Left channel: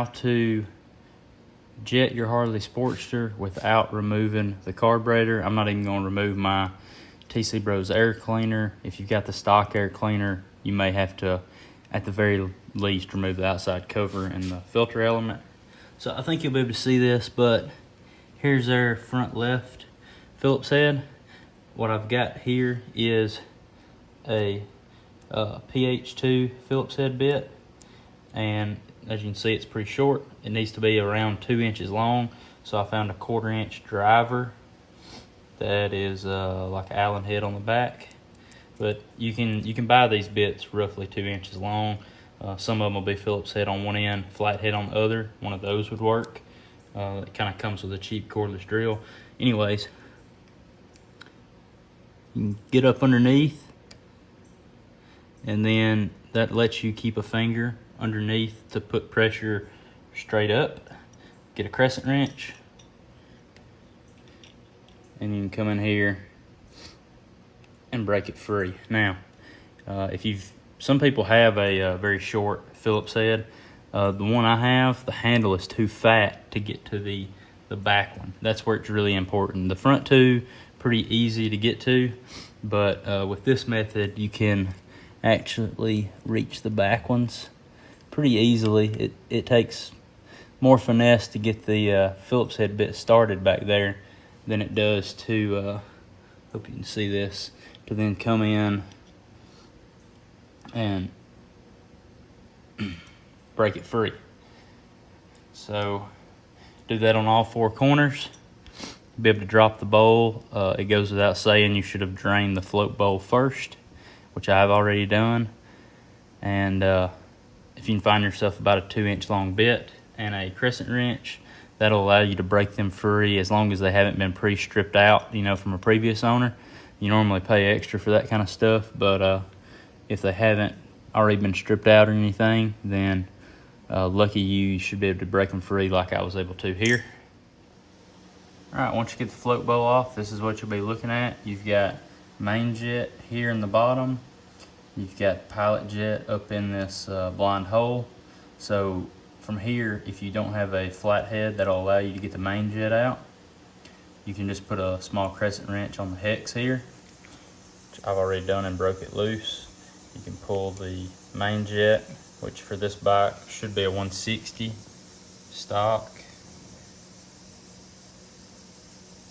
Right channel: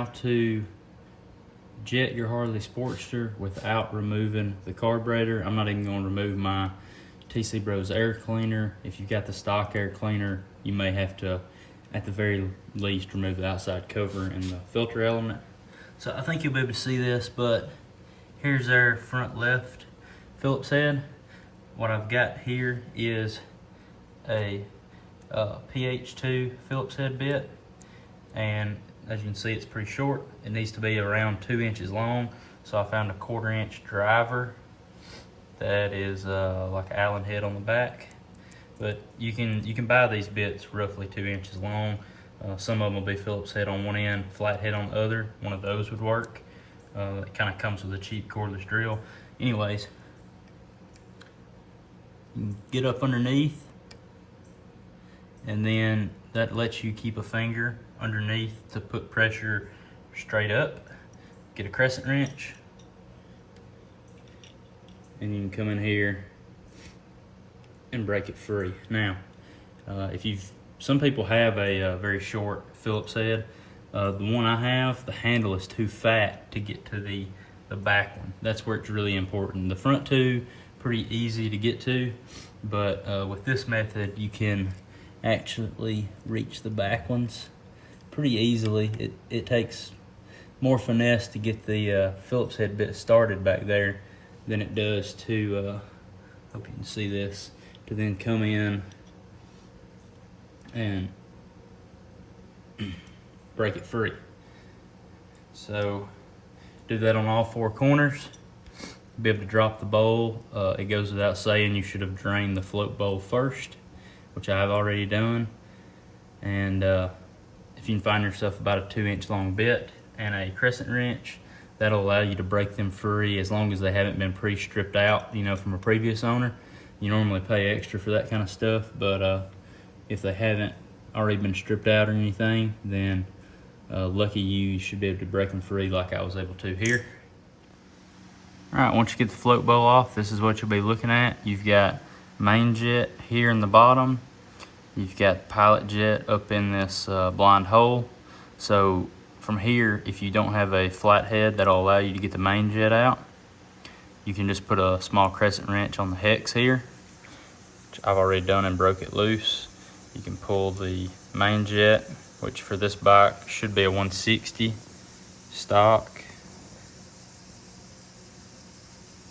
how to jet your Harley Sportster without removing the carburetor. I'm not even going to remove my TC Bros air cleaner. If you've got the stock air cleaner, you may have to, at the very least, remove the outside cover and the filter element. So I think you'll be able to see this, but here's our front left Phillips head. What I've got here is a PH2 Phillips head bit, and as you can see, it's pretty short. It needs to be around 2 inches long, so I found a 1/4 inch driver that is like an Allen head on the back. But you can buy these bits roughly 2 inches long. Some of them will be Phillips head on one end, flat head on the other. One of those would work. It kind of comes with a cheap cordless drill. Anyways, you can get up underneath, and then that lets you keep a finger underneath to put pressure straight up. Get a crescent wrench, and you can come in here and break it free. Now, some people have a very short Phillips head. The one I have, the handle is too fat to get to the back one. That's where it's really important. The front two, pretty easy to get to, but with this method, you can actually reach the back ones pretty easily. It takes more finesse to get the Phillips head bit started back there than it does to, hope you can see this, to then come in and break it free. So do that on all 4 corners. Be able to drop the bowl. It goes without saying you should have drained the float bowl first, which I have already done. And if you can find yourself about a 2 inch long bit and a crescent wrench, that'll allow you to break them free as long as they haven't been pre-stripped out, from a previous owner. You normally pay extra for that kind of stuff, but if they haven't already been stripped out or anything, then lucky you should be able to break them free like I was able to here. Alright, once you get the float bowl off, this is what you'll be looking at. You've got main jet here in the bottom. You've got pilot jet up in this blind hole. So from here, if you don't have a flat head that'll allow you to get the main jet out, you can just put a small crescent wrench on the hex here, which I've already done and broke it loose. You can pull the main jet, which for this bike should be a 160 stock.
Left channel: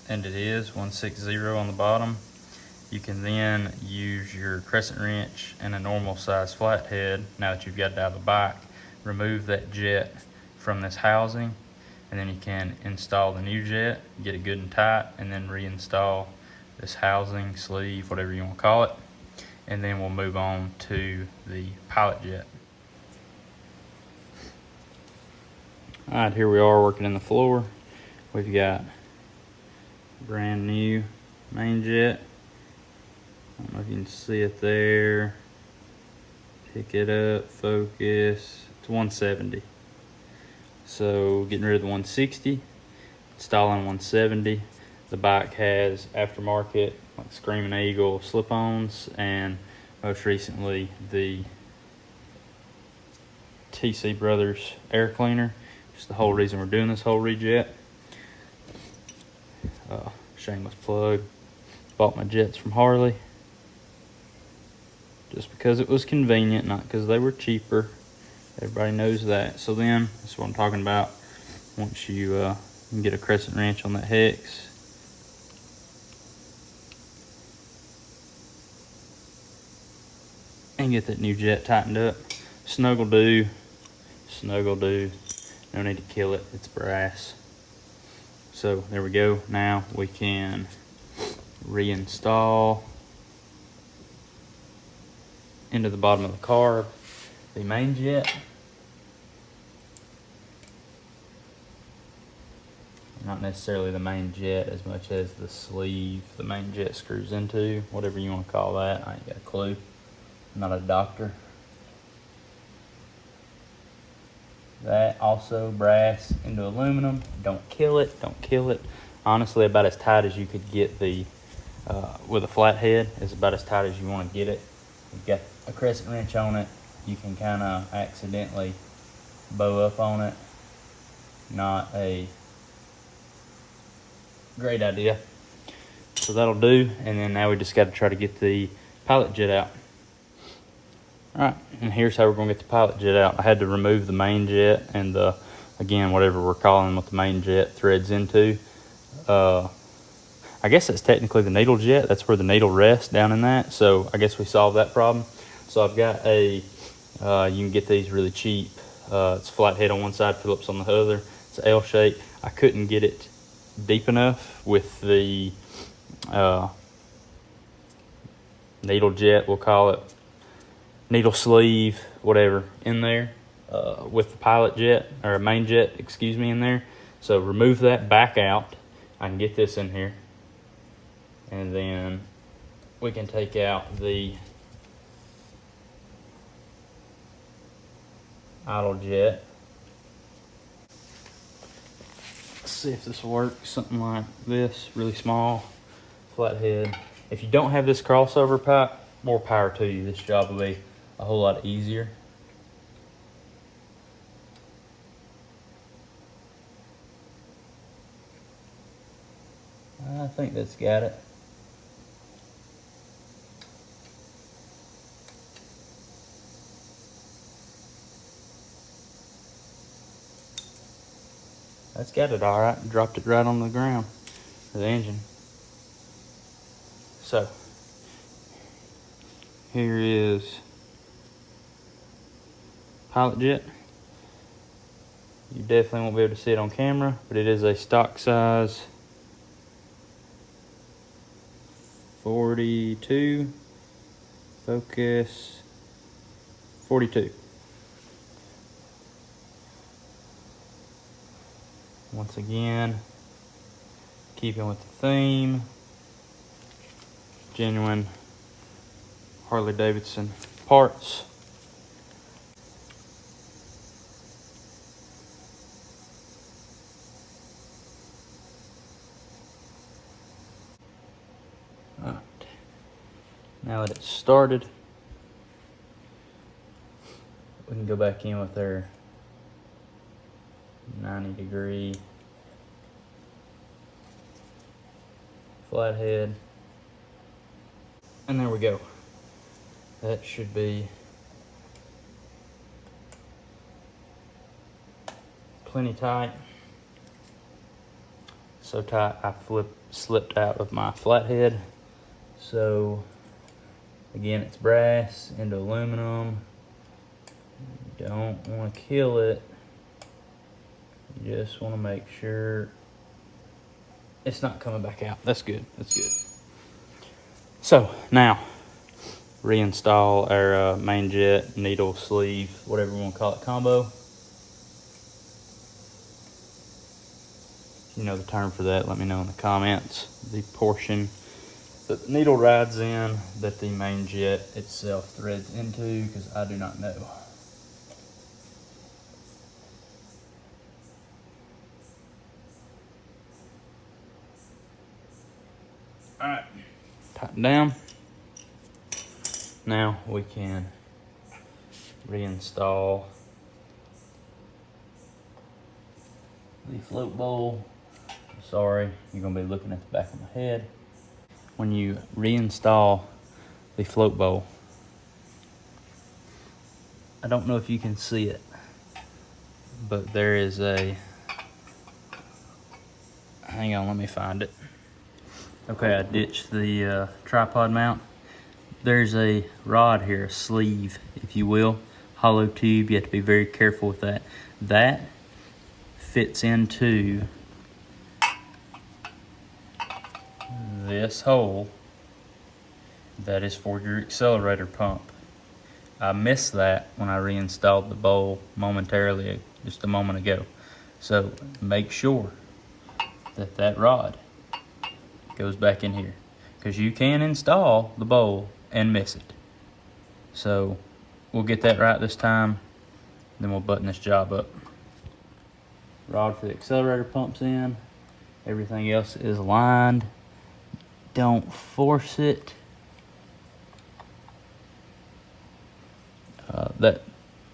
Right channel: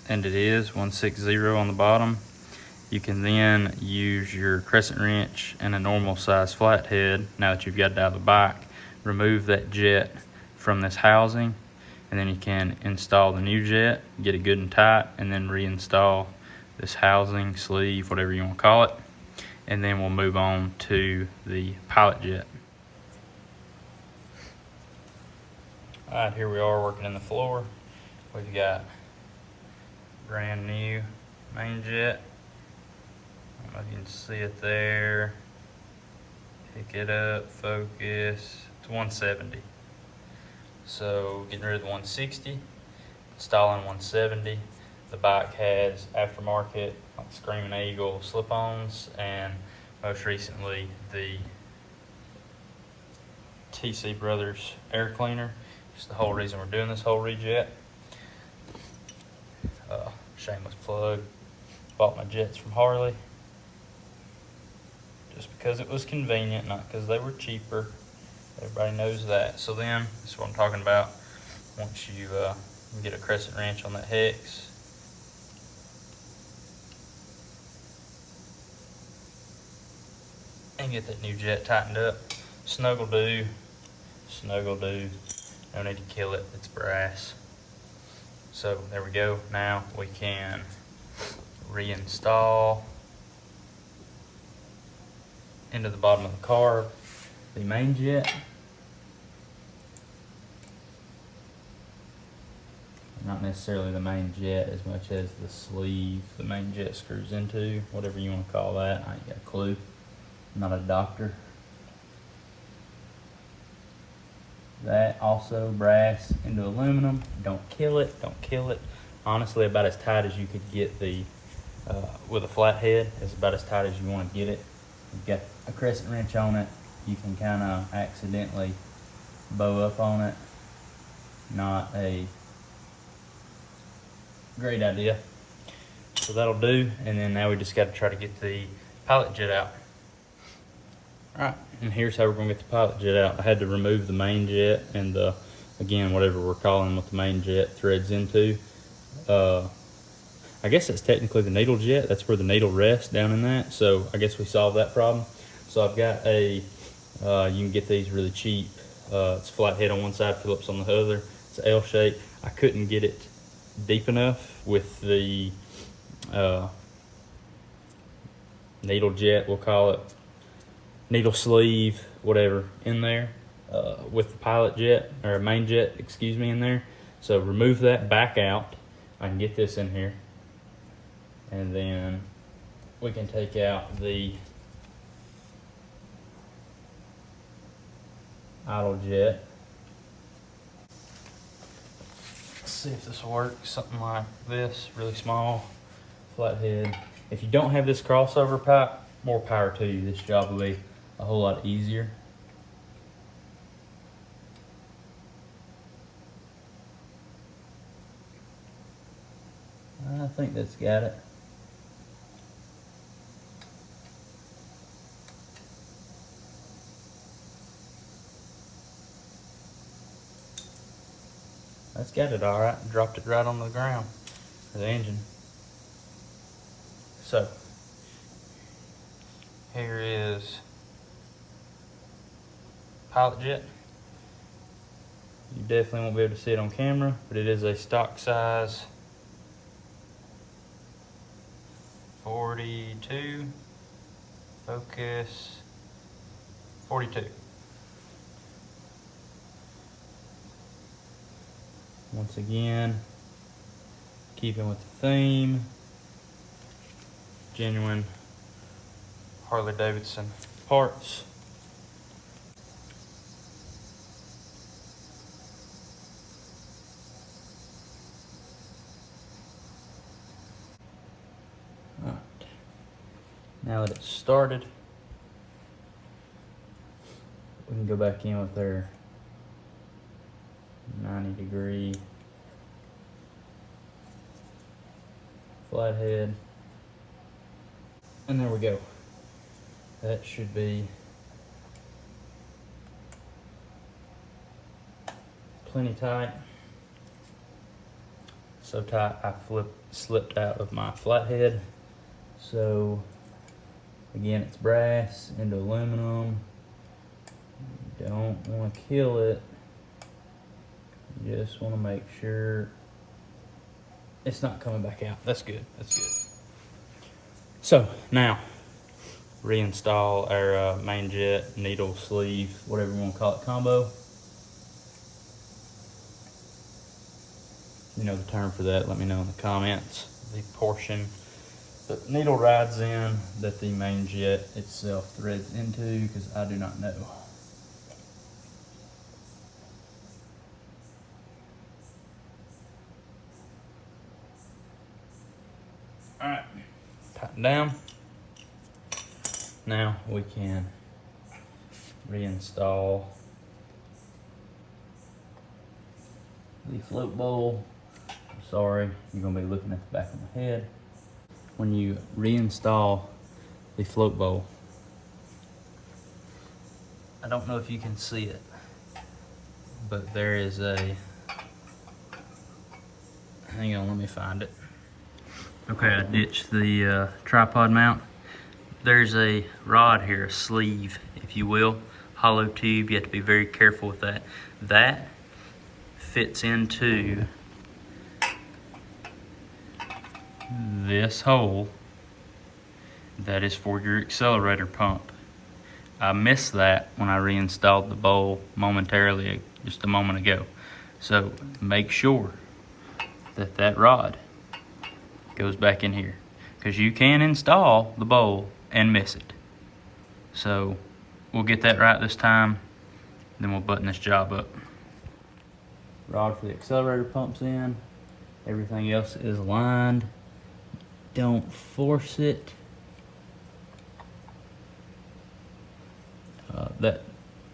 And it is 160 on the bottom. You can then use your crescent wrench and a normal size flathead, now that you've got it out of the bike, remove that jet from this housing, and then you can install the new jet, get it good and tight, and then reinstall this housing, sleeve, whatever you want to call it. And then we'll move on to the pilot jet. All right, here we are working in the floor. We've got brand new main jet. I don't know if you can see it there. Pick it up, focus. It's 170. So getting rid of the 160, installing 170. The bike has aftermarket like Screaming Eagle slip-ons, and most recently the TC Brothers air cleaner. It's the whole reason we're doing this whole rejet. Shameless plug. Bought my jets from Harley just because it was convenient, not because they were cheaper. Everybody knows that. So then, that's what I'm talking about. Once you can get a crescent wrench on that hex, and get that new jet tightened up. Snug will do. Snug will do. No need to kill it. It's brass. So there we go. Now we can reinstall into the bottom of the carb the main jet. Not necessarily the main jet as much as the sleeve the main jet screws into, whatever you want to call that. I ain't got a clue. I'm not a doctor. That also brass into aluminum. Don't kill it, don't kill it. Honestly, about as tight as you could get the, with a flat head, is about as tight as you want to get it. You've got a crescent wrench on it. You can kind of accidentally bow up on it not a great idea. So that'll do, and then now we just got to try to get the pilot jet out. All right, and here's how we're gonna get the pilot jet out. I had to remove the main jet and the, again, whatever we're calling what the main jet threads into. I guess that's technically the needle jet. That's where the needle rests, down in that. So I guess we solved that problem. So I've got a, you can get these really cheap. It's flat head on one side, Phillips on the other. It's L shape. I couldn't get it deep enough with the needle jet, we'll call it, needle sleeve, whatever, in there with the pilot jet, or main jet, excuse me, in there. So remove that back out. I can get this in here. And then we can take out the idle jet. Let's see if this will work. Something like this, really small, flathead. If you don't have this crossover pipe, more power to you. This job will be a whole lot easier. I think that's got it. That's got it all right. Dropped it right on the ground, the engine. So, here is pilot jet. You definitely won't be able to see it on camera, but it is a stock size 42, focus 42. Once again, keeping with the theme, genuine Harley Davidson parts. All right. Now that it's started, we can go back in with our 90-degree flathead, and there we go. That should be plenty tight. So tight I slipped out of my flathead. So again, it's brass into aluminum. You don't want to kill it. You just want to make sure it's not coming back out. That's good. That's good. So now, reinstall our main jet, needle, sleeve, whatever you want to call it, combo. If you know the term for that, let me know in the comments. The portion that the needle rides in that the main jet itself threads into, because I do not know. All right, tighten down. Now we can reinstall the float bowl. Sorry, you're gonna be looking at the back of my head. When you reinstall the float bowl, I don't know if you can see it, but there is a, hang on, let me find it. Okay, I ditched the tripod mount. There's a rod here, a sleeve, if you will, hollow tube. You have to be very careful with that. That fits into this hole that is for your accelerator pump. I missed that when I reinstalled the bowl momentarily, just a moment ago. So make sure that that rod goes back in here, because you can install the bowl and miss it. So we'll get that right this time, then we'll button this job up. Rod for the accelerator pumps in, everything else is aligned. Don't force it. That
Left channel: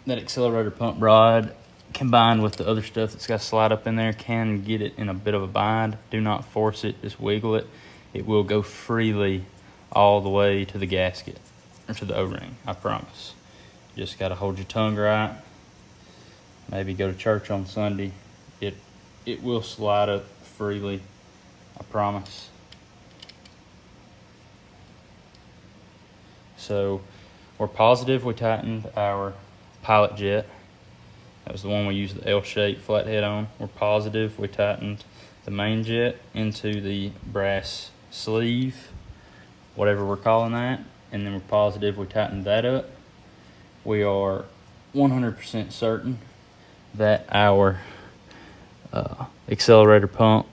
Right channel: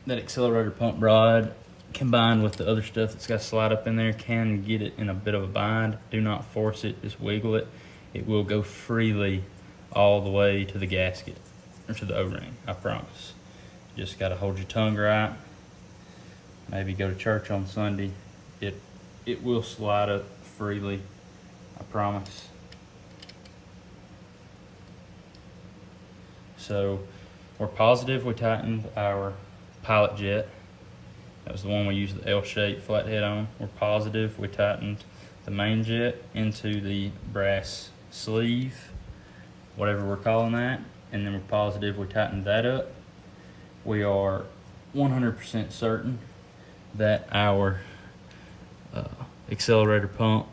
accelerator pump rod combined with the other stuff that's got to slide up in there, can get it in a bit of a bind. Do not force it, just wiggle it. It will go freely all the way to the gasket, or to the O-ring, I promise. Just got to hold your tongue right. Maybe go to church on Sunday. It will slide up freely, I promise. So we're positive we tightened our pilot jet. That was the one we used the L-shaped flathead on. We're positive we tightened the main jet into the brass sleeve, whatever we're calling that, and then we're positive we tightened that up. We are 100% certain that our accelerator pump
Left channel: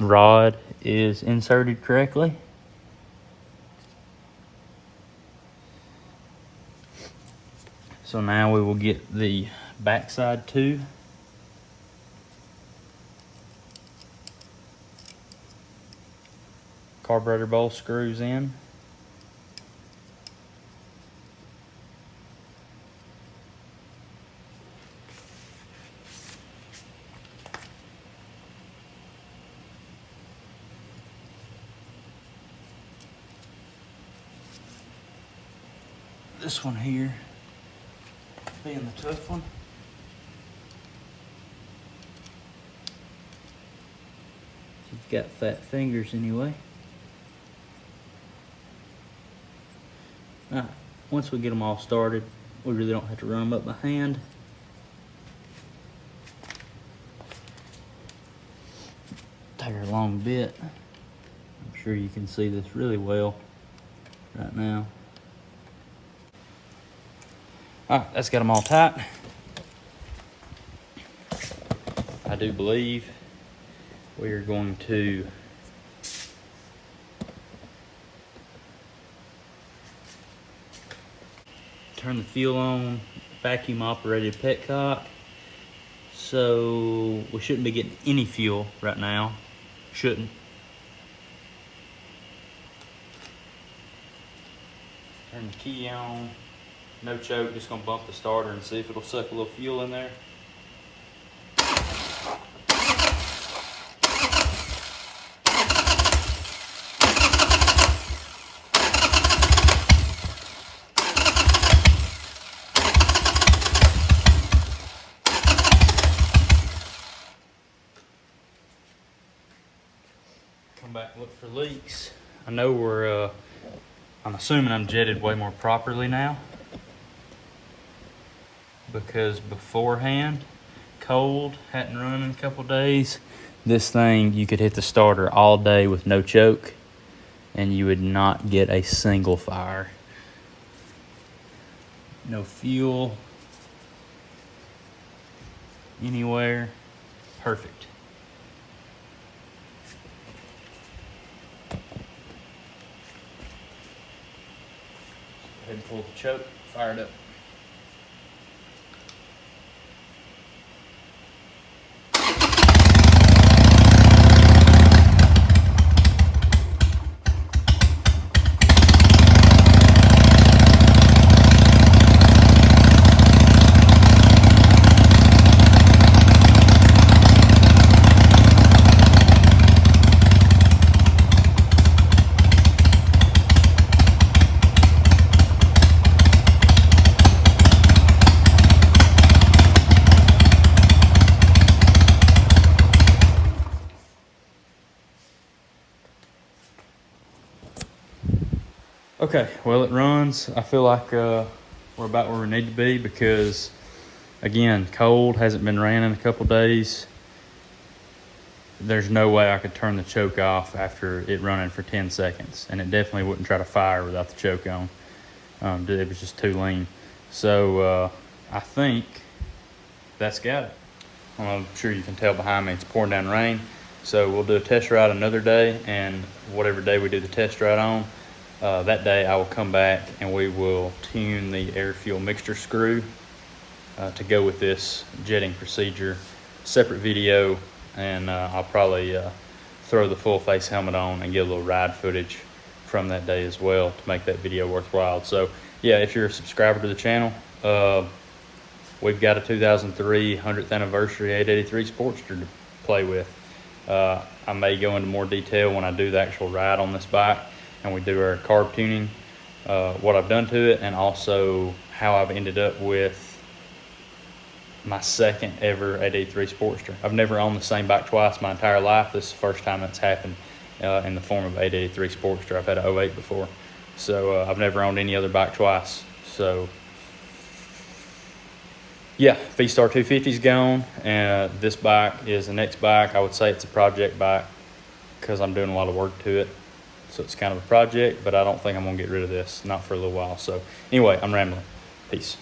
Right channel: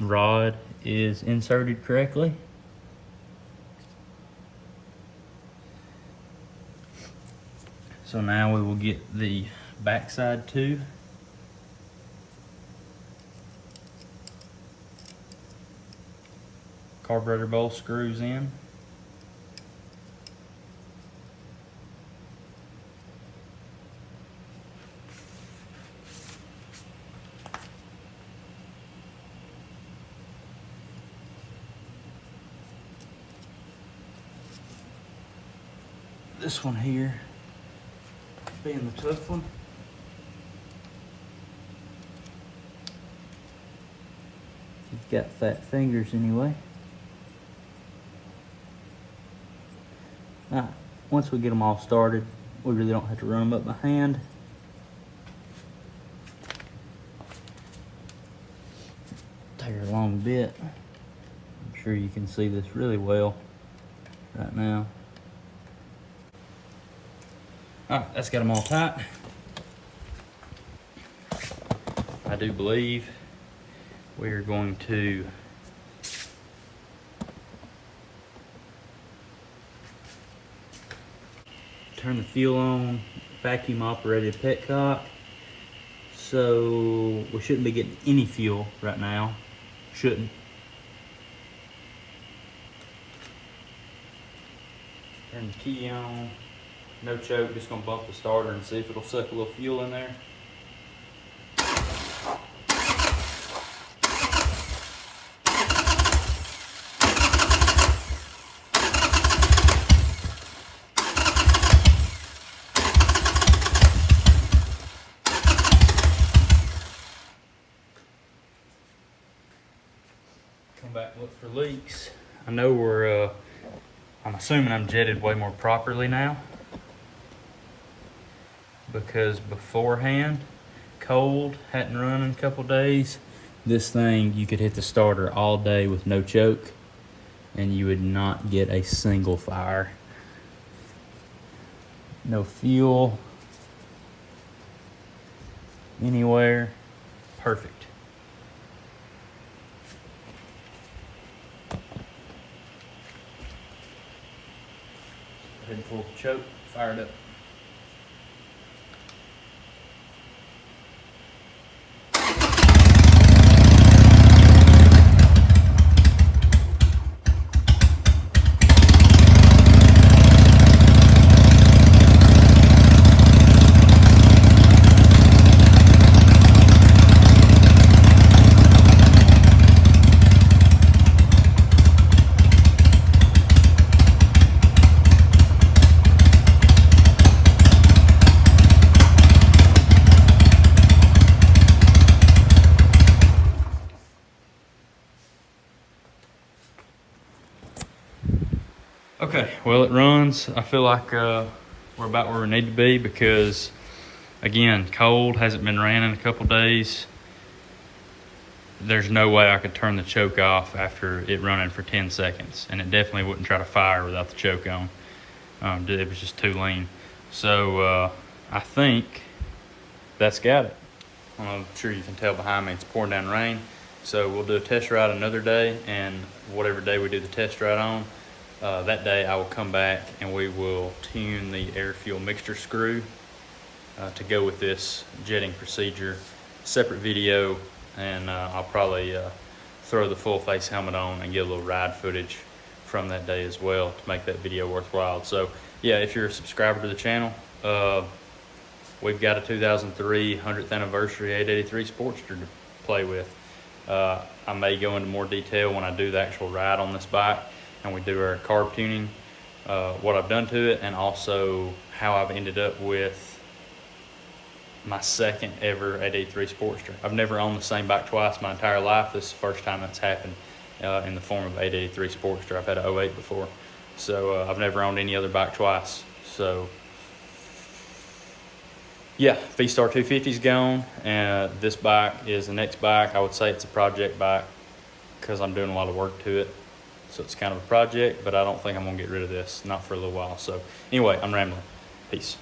rod is inserted correctly. So now we will get the backside too. Carburetor bowl screws in. This one here being the tough one. You've got fat fingers anyway. Alright, once we get them all started, we really don't have to run them up by hand. Take a long bit. I'm sure you can see this really well right now. Alright, that's got them all tight. I do believe we are going to turn the fuel on, vacuum operated petcock. So we shouldn't be getting any fuel right now. Shouldn't. Turn the key on. No choke, just gonna bump the starter and see if it'll suck a little fuel in there. Come back and look for leaks. I know I'm assuming I'm jetted way more properly now, because beforehand, cold, hadn't run in a couple days, this thing, you could hit the starter all day with no choke and you would not get a single fire. No fuel anywhere. Perfect. Go ahead and pull the choke, fire it up. Okay, well, it runs. I feel like we're about where we need to be because, again, cold, hasn't been ran in a couple days. There's no way I could turn the choke off after it running for 10 seconds, and it definitely wouldn't try to fire without the choke on. It was just too lean. So I think that's got it. I'm sure you can tell behind me it's pouring down rain. So we'll do a test ride another day, and whatever day we do the test ride on, that day I will come back and we will tune the air fuel mixture screw to go with this jetting procedure. Separate video, and I'll probably throw the full face helmet on and get a little ride footage from that day as well to make that video worthwhile. So yeah, if you're a subscriber to the channel, we've got a 2003 100th anniversary 883 Sportster to play with. I may go into more detail when I do the actual ride on this bike and we do our carb tuning, what I've done to it, and also how I've ended up with my second ever 883 Sportster. I've never owned the same bike twice my entire life. This is the first time that's happened in the form of 883 Sportster. I've had an 08 before, so I've never owned any other bike twice. So yeah, V-Star 250's gone, and this bike is the next bike. I would say it's a project bike because I'm doing a lot of work to it. So it's kind of a project, but I don't think I'm gonna get rid of this, not for a little while. So anyway, I'm rambling. Peace.